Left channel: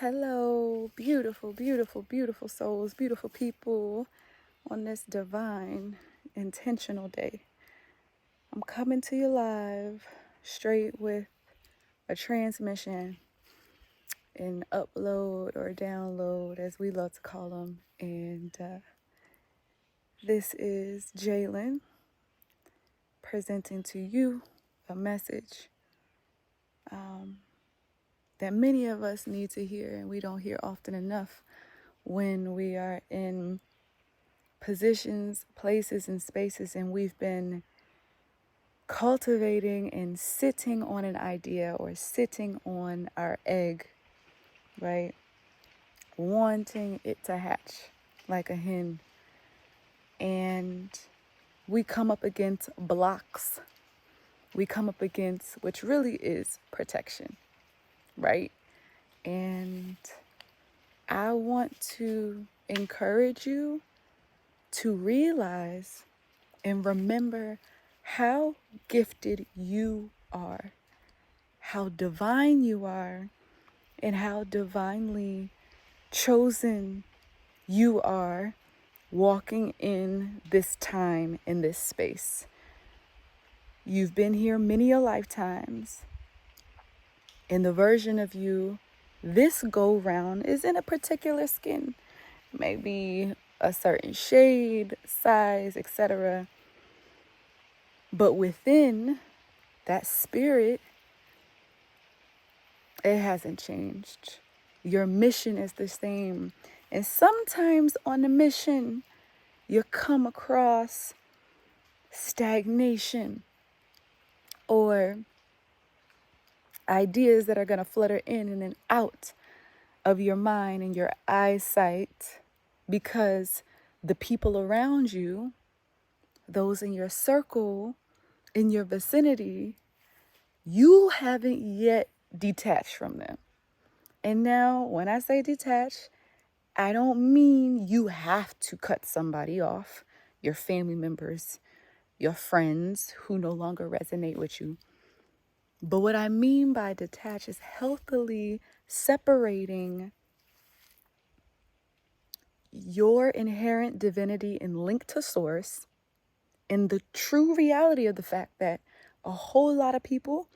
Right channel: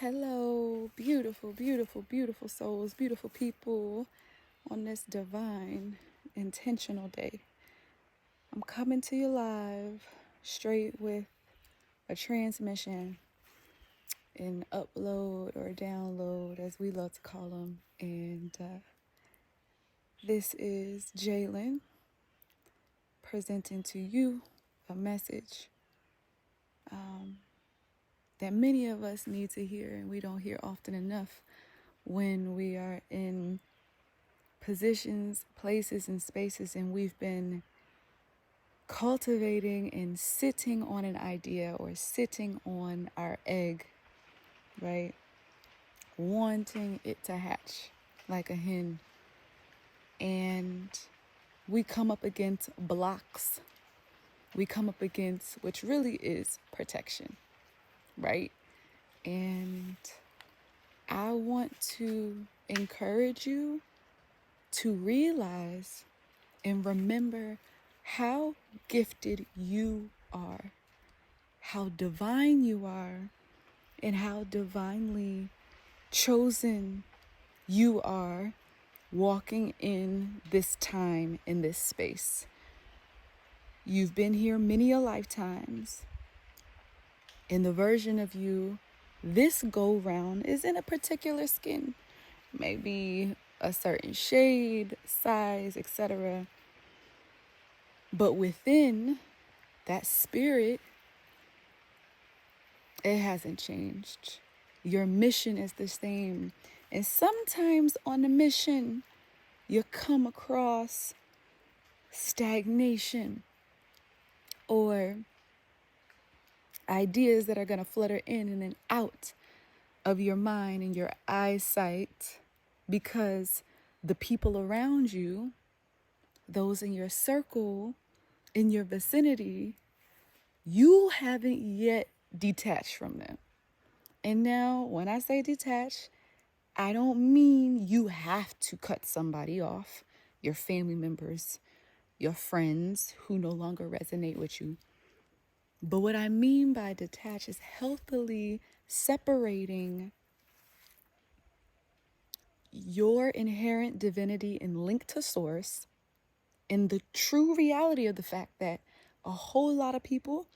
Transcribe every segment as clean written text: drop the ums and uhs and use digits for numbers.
Hello, beautiful, beautiful, beautiful souls, beautiful people on this divine, intentional day. I'm coming to you live, straight with a transmission, an upload or download, as we love to call them. And this is Jalen presenting to you a message that many of us need to hear, and we don't hear often enough when we are in positions, places, and spaces, and we've been cultivating and sitting on an idea or sitting on our egg, right? Wanting it to hatch like a hen. And we come up against blocks. We come up against, which really is protection, right? And I want to encourage you to realize and remember how gifted you are, how divine you are, and how divinely chosen you are walking in this time, in this space. You've been here many a lifetimes, and the version of you this go round is in a particular skin, maybe a certain shade, size, etc. But within that spirit, it hasn't changed. Your mission is the same. And sometimes on the mission, you come across stagnation or ideas that are going to flutter in and out of your mind and your eyesight because the people around you, those in your circle, in your vicinity, you haven't yet detached from them. And now, when I say detach, I don't mean you have to cut somebody off, your family members, your friends who no longer resonate with you. But what I mean by detach is healthily separating your inherent divinity and link to source and the true reality of the fact that a whole lot of people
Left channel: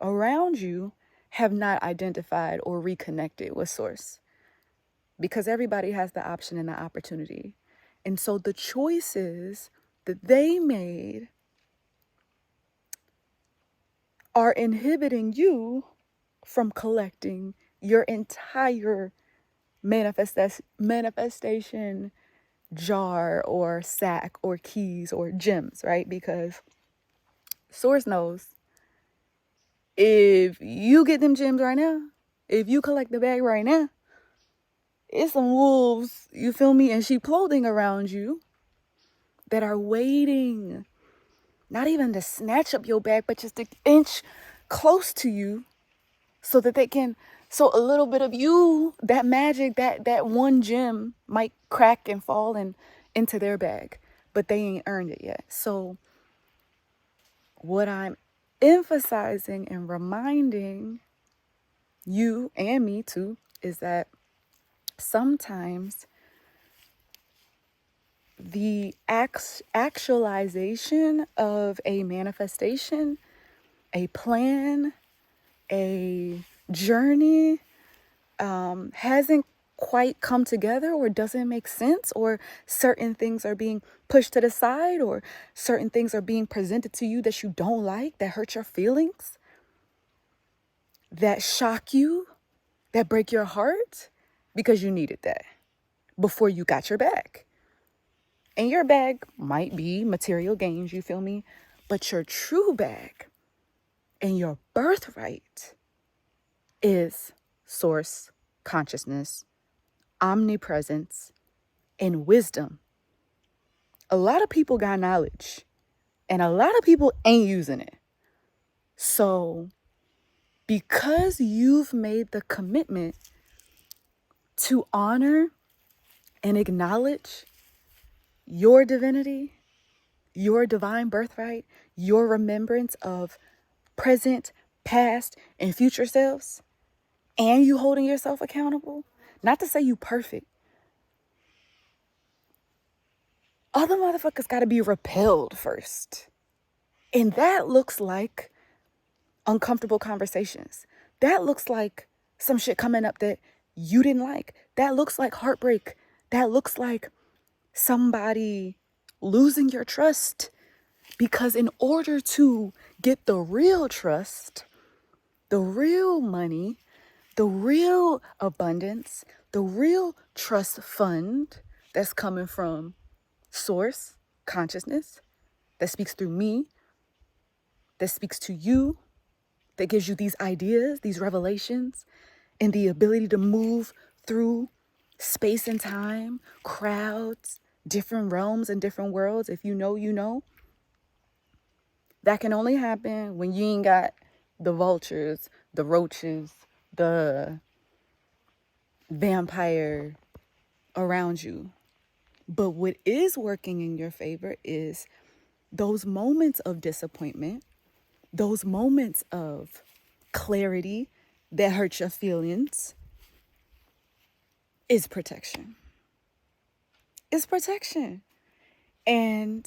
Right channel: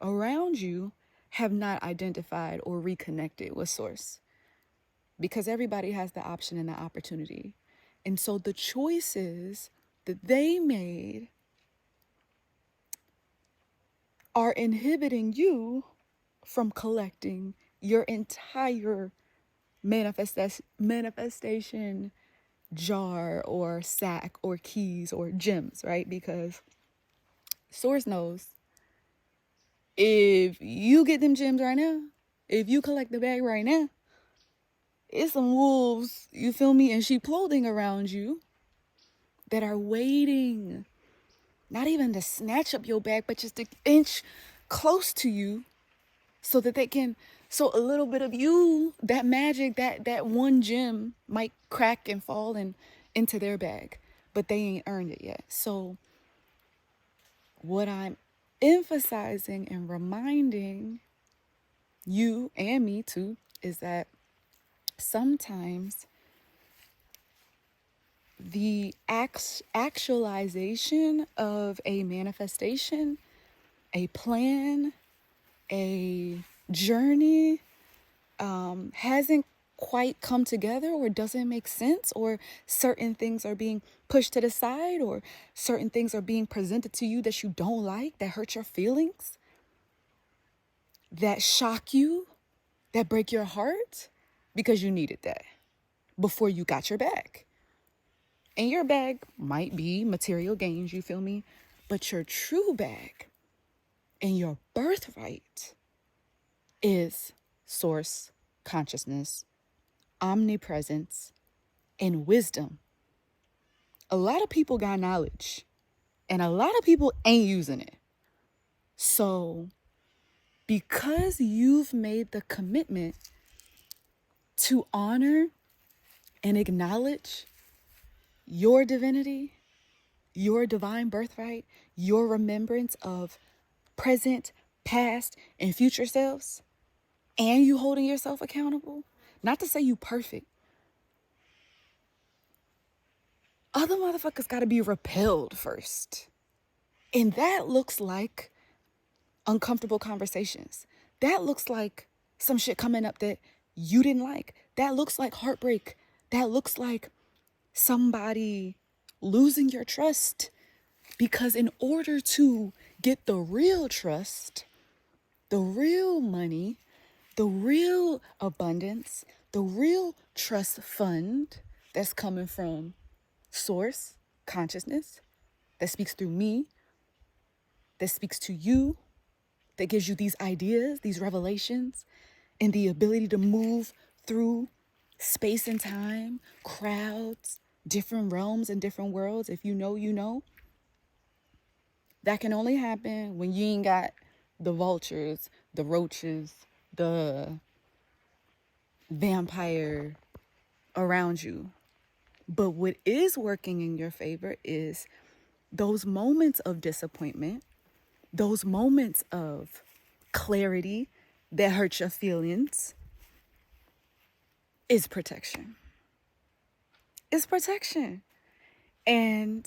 around you have not identified or reconnected with source, because everybody has the option and the opportunity. And so the choices that they made are inhibiting you from collecting your entire manifestation jar or sack or keys or gems, right? Because source knows if you get them gems right now, if you collect the bag right now, it's some wolves, you feel me, in sheep clothing around you that are waiting, not even to snatch up your bag, but just an inch close to you so that they can, so a little bit of you, that magic, that one gem might crack and fall into their bag, but they ain't earned it yet. So what I'm emphasizing and reminding you and me too is that sometimes the actualization of a manifestation, a plan, a journey hasn't quite come together, or doesn't make sense, or certain things are being pushed to the side, or certain things are being presented to you that you don't like, that hurt your feelings, that shock you, that break your heart, because you needed that before you got your bag. And your bag might be material gains, you feel me? But your true bag and your birthright is source, consciousness, omnipresence, and wisdom. A lot of people got knowledge, and a lot of people ain't using it. So, because you've made the commitment to honor and acknowledge your divinity, your divine birthright, your remembrance of present, past, and future selves, and you holding yourself accountable, not to say you perfect, other motherfuckers got to be repelled first. And that looks like uncomfortable conversations. That looks like some shit coming up that you didn't like. That looks like heartbreak. That looks like somebody losing your trust. Because in order to get the real trust, the real money, the real abundance, the real trust fund that's coming from source, consciousness, that speaks through me, that speaks to you, that gives you these ideas, these revelations, and the ability to move through space and time, crowds, different realms and different worlds. If you know, you know. That can only happen when you ain't got the vultures, the roaches, the vampire around you. But what is working in your favor is those moments of disappointment, those moments of clarity that hurt your feelings, is protection. It's protection. And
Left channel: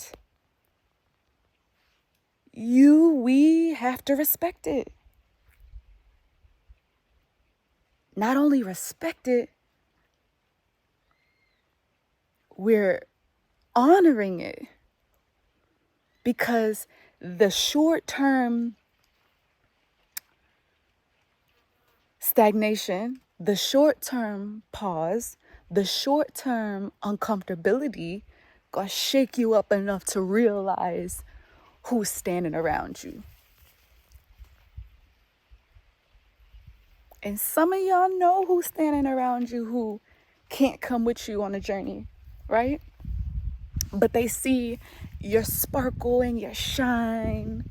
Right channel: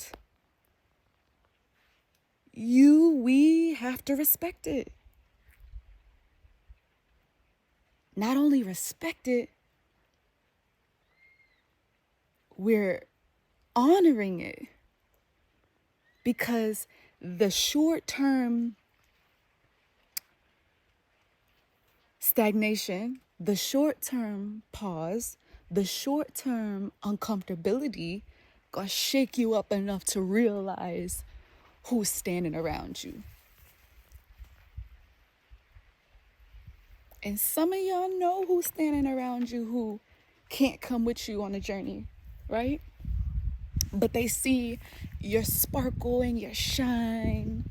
we have to respect it. Not only respect it, we're honoring it. Because the short-term stagnation, the short-term pause, the short-term uncomfortability gonna shake you up enough to realize who's standing around you. And some of y'all know who's standing around you who can't come with you on a journey, right? But they see your sparkle and your shine.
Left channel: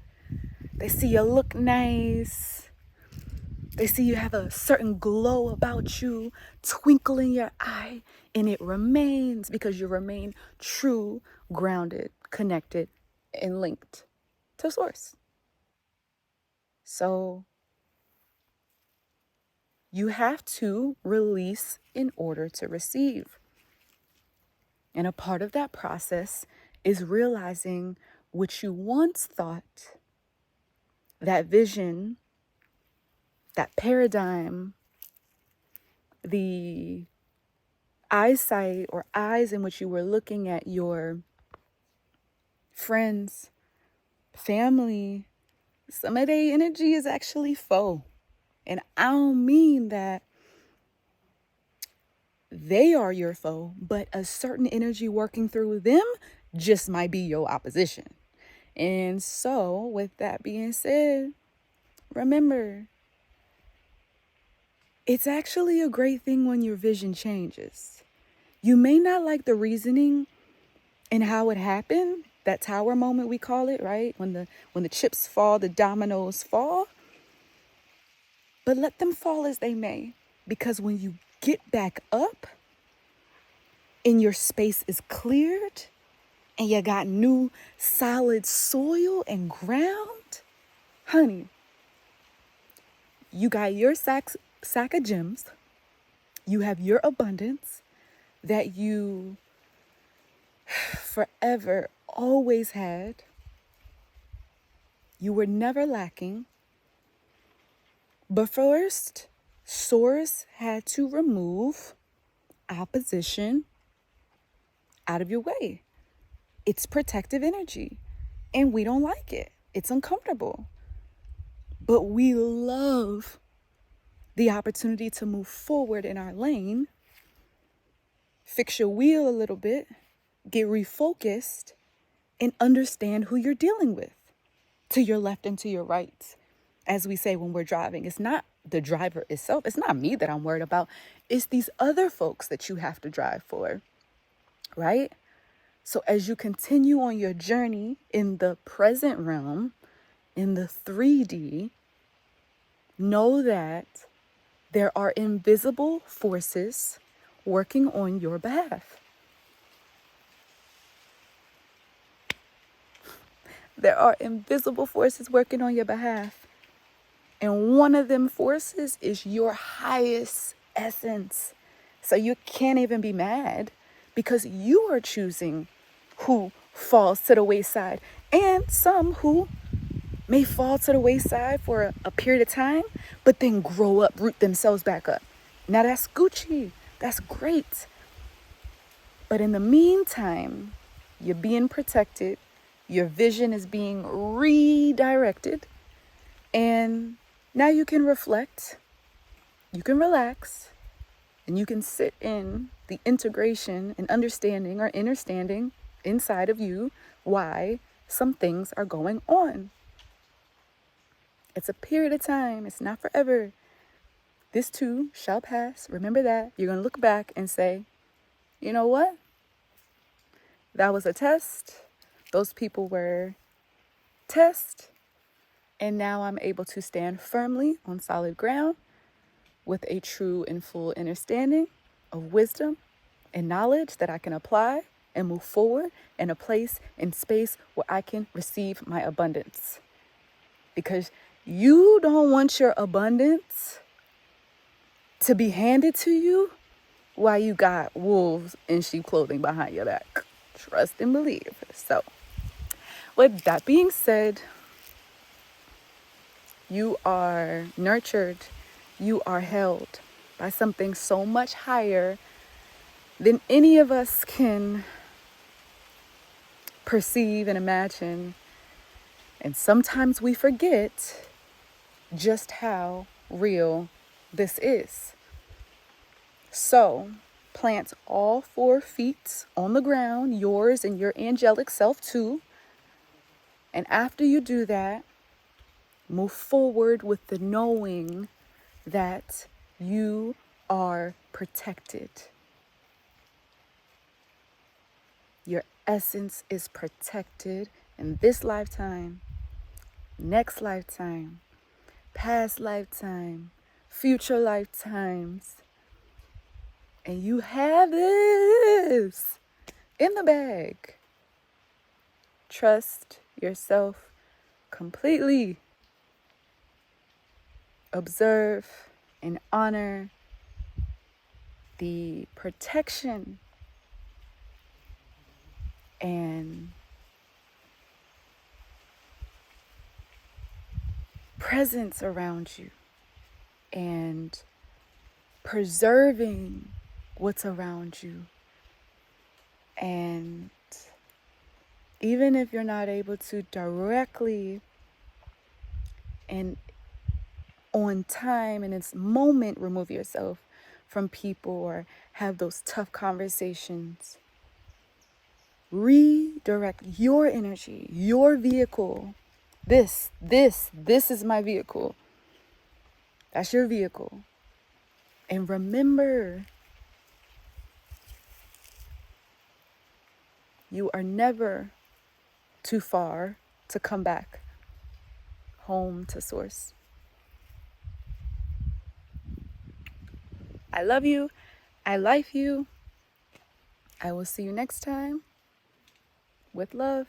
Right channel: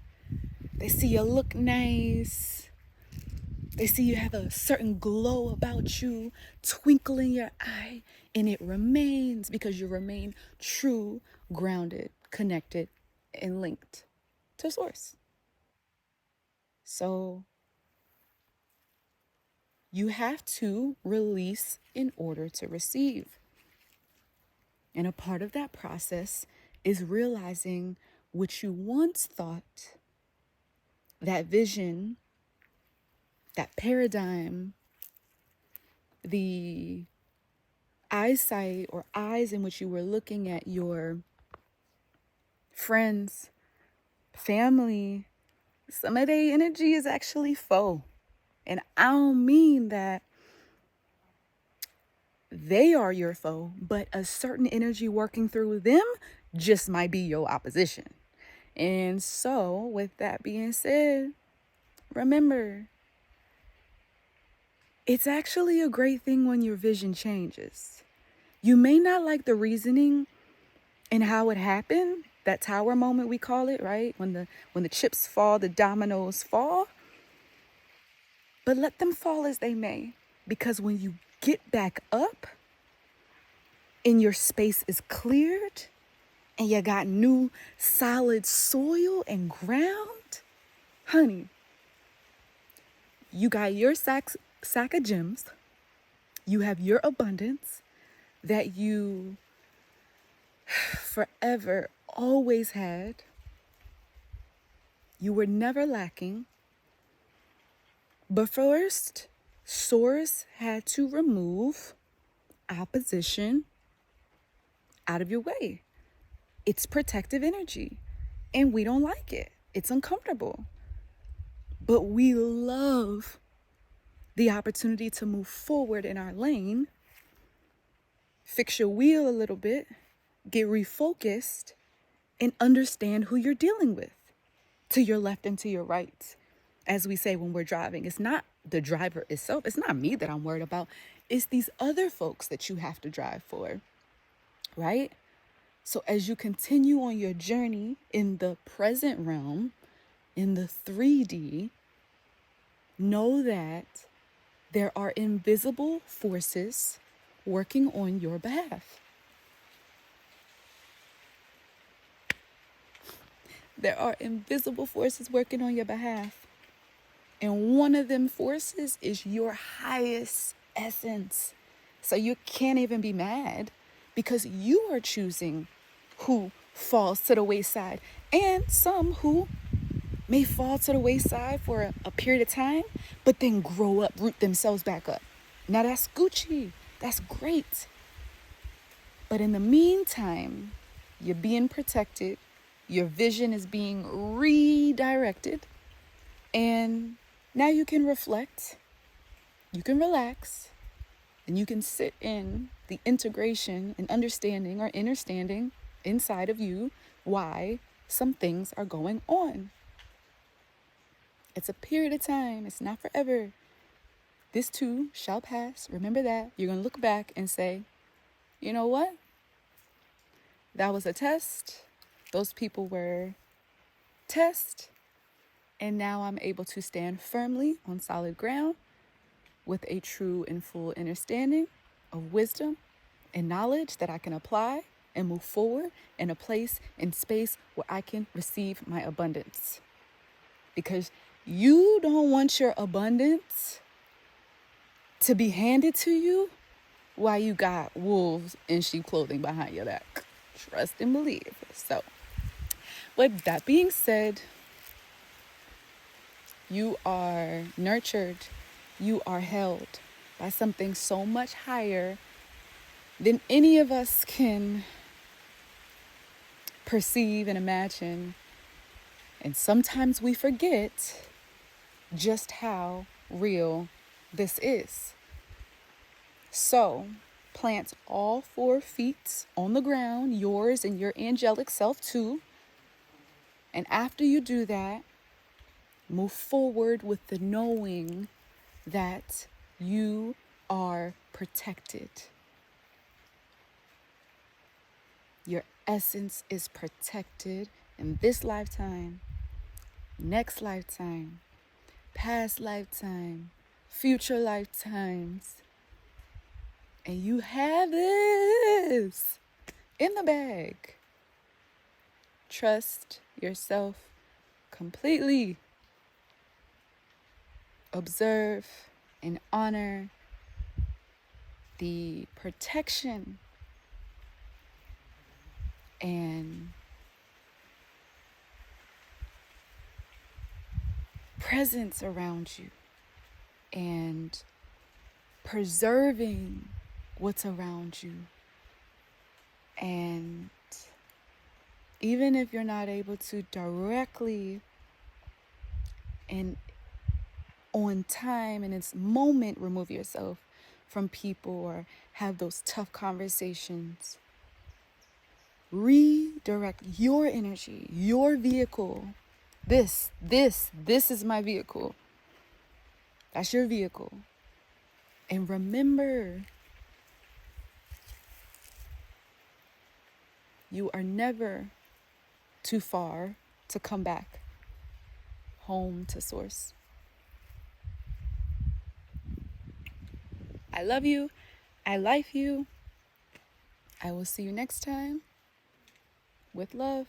They see you look nice. They see you have a certain glow about you, twinkle in your eye, and it remains because you remain true, grounded, connected, and linked to source. So you have to release in order to receive. And a part of that process is realizing what you once thought, that vision, that paradigm, the eyesight or eyes in which you were looking at your friends, family, some of their energy is actually faux. And I don't mean that they are your foe, but a certain energy working through them just might be your opposition. And so, with that being said, remember, it's actually a great thing when your vision changes. You may not like the reasoning and how it happened, that tower moment we call it, right? When the chips fall, the dominoes fall. But let them fall as they may, because when you get back up and your space is cleared and you got new solid soil and ground, honey, you got your sack of gems. You have your abundance that you forever always had. You were never lacking. But first, Source had to remove opposition out of your way. It's protective energy, and we don't like it. It's uncomfortable. But we love the opportunity to move forward in our lane, fix your wheel a little bit, get refocused, and understand who you're dealing with, to your left and to your right. As we say when we're driving, it's not the driver itself. It's not me that I'm worried about. It's these other folks that you have to drive for, right? So as you continue on your journey in the present realm, in the 3D, know that there are invisible forces working on your behalf. There are invisible forces working on your behalf. And one of them forces is your highest essence. So you can't even be mad because you are choosing who falls to the wayside, and some who may fall to the wayside for a period of time, but then grow up, root themselves back up. Now that's Gucci. That's great. But in the meantime, you're being protected. Your vision is being redirected. And now you can reflect. You can relax. And you can sit in the integration and understanding or understanding inside of you why some things are going on. It's a period of time. It's not forever. This too shall pass. Remember that. You're going to look back and say, you know what? That was a test. Those people were tests. And now I'm able to stand firmly on solid ground with a true and full understanding of wisdom and knowledge that I can apply and move forward in a place and space where I can receive my abundance. Because you don't want your abundance to be handed to you while you got wolves in sheep clothing behind your back. Trust and believe. So, with that being said, you are nurtured. You are held by something so much higher than any of us can perceive and imagine. And sometimes we forget just how real this is. So, plant all 4 feet on the ground, yours and your angelic self too. And after you do that, move forward with the knowing that you are protected. Your essence is protected in this lifetime, next lifetime, past lifetime, future lifetimes. And you have this in the bag. Trust yourself completely. Observe and honor the protection and presence around you, and preserving what's around you. And even if you're not able to directly and on time in its moment remove yourself from people or have those tough conversations, redirect your energy, your vehicle. This is my vehicle. That's your vehicle. And remember, you are never too far to come back home to source. I love you. I like you. I will see you next time with love.